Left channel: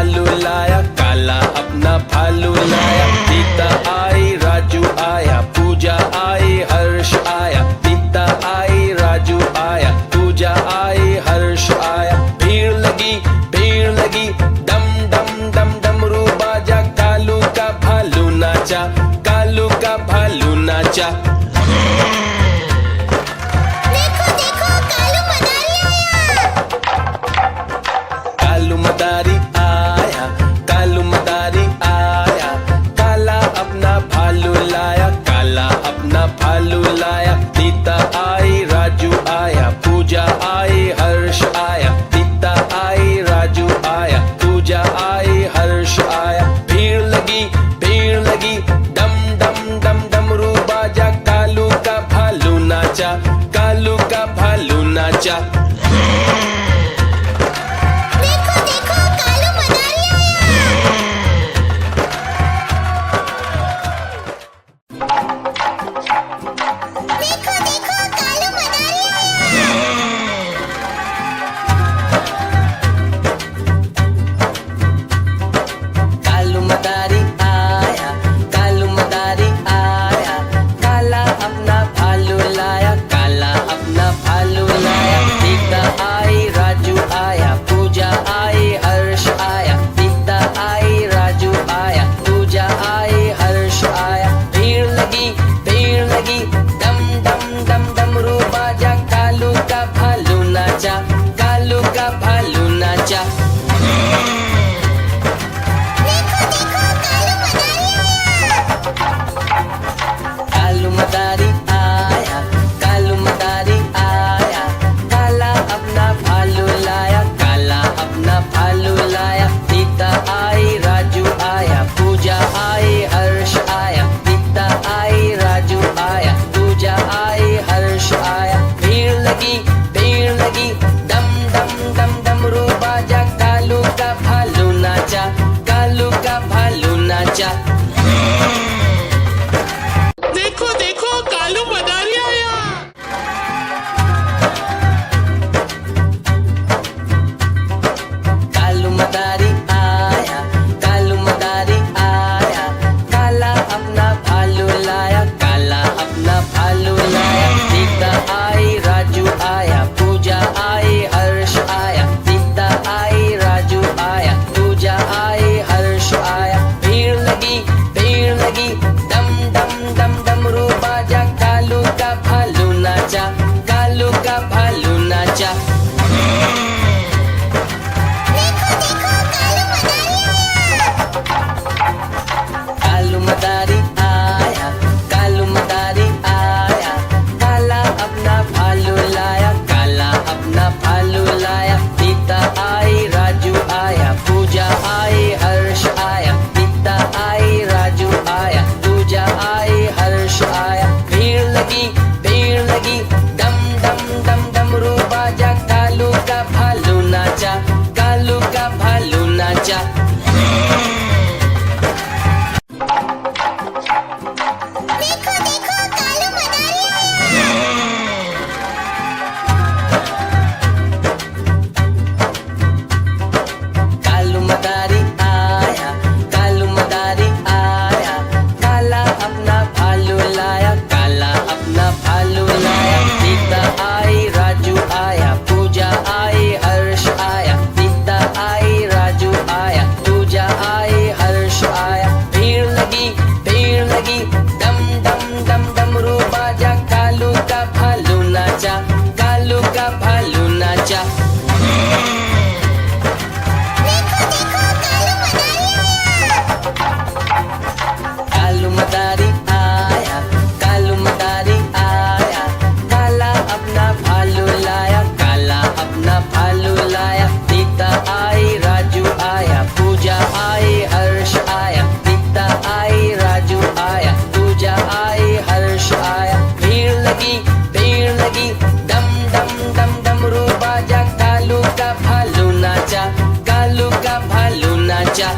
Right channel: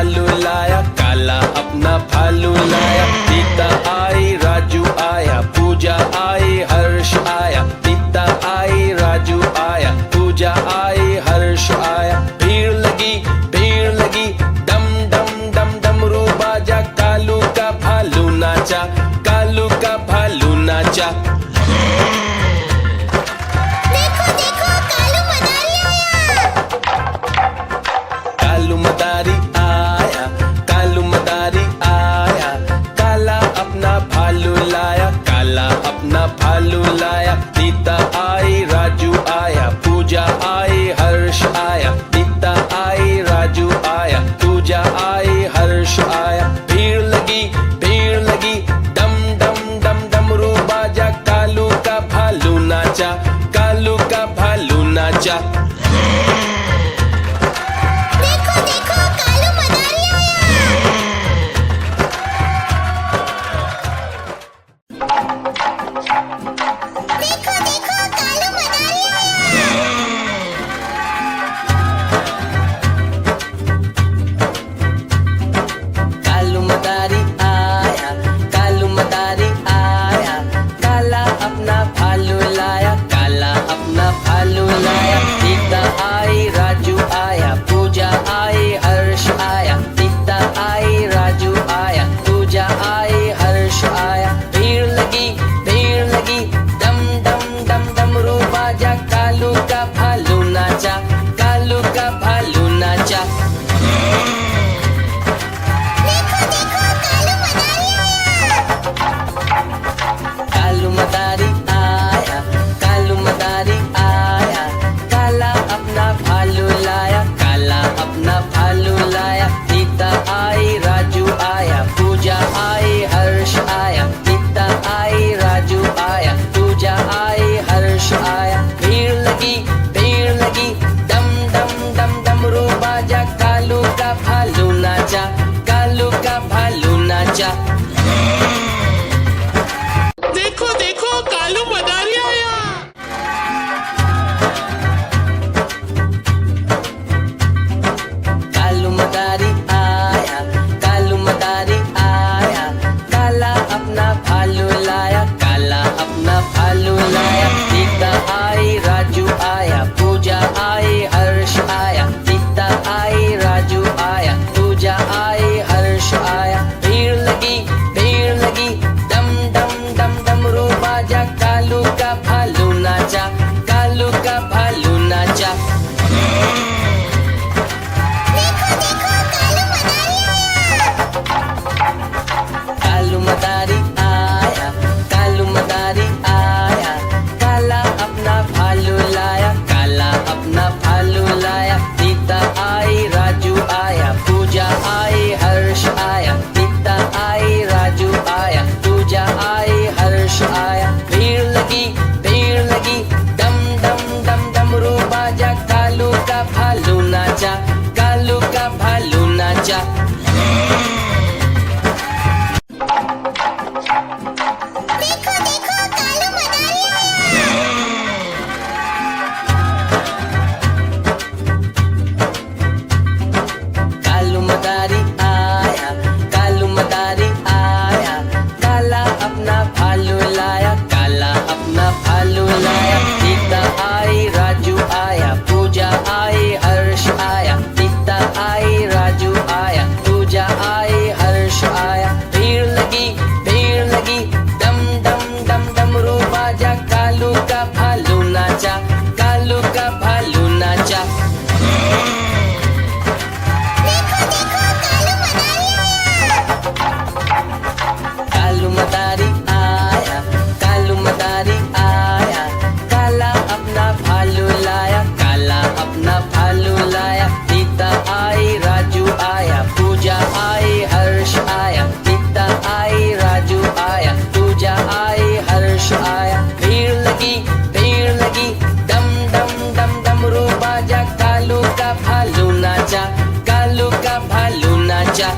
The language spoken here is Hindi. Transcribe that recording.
भालू लाया, काला अपना भालू लाया। सीता आई, राजू आया, पूजा आई, हर्ष आया। सीता आई, राजू आया, पूजा आई, हर्ष आया। भीड़ लगी, डम डम डम डमरू बाजा। कालू का भालू नाचा, कालू का भालू नाचा। कालू मदारी आया, कालू मदारी आया। काला अपना भालू लाया, काला अपना भालू लाया। सीता आई, राजू आया, पूजा आई, हर्ष आया। सीता आई, राजू आया, पूजा आई, हर्ष आया। भीड़ लगी, डम डम डम डमरू बाजा। कालू का भालू नाचा, कालू का भालू नाचा। कालू मदारी आया, कालू मदारी आया। काला अपना भालू लाया, काला अपना भालू लाया। सीता आई, राजू आया, पूजा आई, हर्ष आया। सीता आई, राजू आया, पूजा आई, हर्ष आया। भीड़ लगी, डम डम डम डमरू बाजा। कालू का भालू नाचा, कालू का भालू नाचा। कालू मदारी आया, कालू मदारी आया। काला अपना भालू लाया, काला अपना भालू लाया। सीता आई, राजू आया, पूजा आई, हर्ष आया। सीता आई, राजू आया, पूजा आई, हर्ष आया। भीड़ लगी, डम डम डम डमरू बाजा। कालू का भालू नाचा, कालू का भालू नाचा। देखो कालू मदारी आया। कालू मदारी आया, कालू मदारी आया। काला अपना भालू लाया, काला अपना भालू लाया। सीता आई, राजू आया, पूजा आई, हर्ष आया। सीता आई, राजू आया, पूजा आई, हर्ष आया। भीड़ लगी, डम डम डम डमरू बाजा। कालू का भालू नाचा, कालू का भालू नाचा। कालू मदारी आया, कालू मदारी आया। काला अपना भालू लाया, काला अपना भालू लाया। सीता आई, राजू आया, पूजा आई, हर्ष आया। सीता आई, राजू आया, पूजा आई, हर्ष आया। भीड़ लगी, डम डम डम डमरू बाजा। कालू का भालू नाचा, कालू का भालू नाचा। कालू मदारी आया, कालू मदारी आया। काला अपना भालू लाया, काला अपना भालू लाया। सीता आई, राजू आया, पूजा आई, हर्ष आया। सीता आई, राजू आया, पूजा आई, हर्ष आया। भीड़ लगी, डम डम डम डमरू बाजा। कालू का भालू नाचा, कालू का भालू नाचा। कालू मदारी आया, कालू मदारी आया। काला अपना भालू लाया, काला अपना भालू लाया। सीता आई, राजू आया, पूजा आई, हर्ष आया। सीता आई, राजू आया, पूजा आई, हर्ष आया। भीड़ लगी, डम डम डम डमरू बाजा। कालू का भालू नाचा, कालू का भालू नाचा।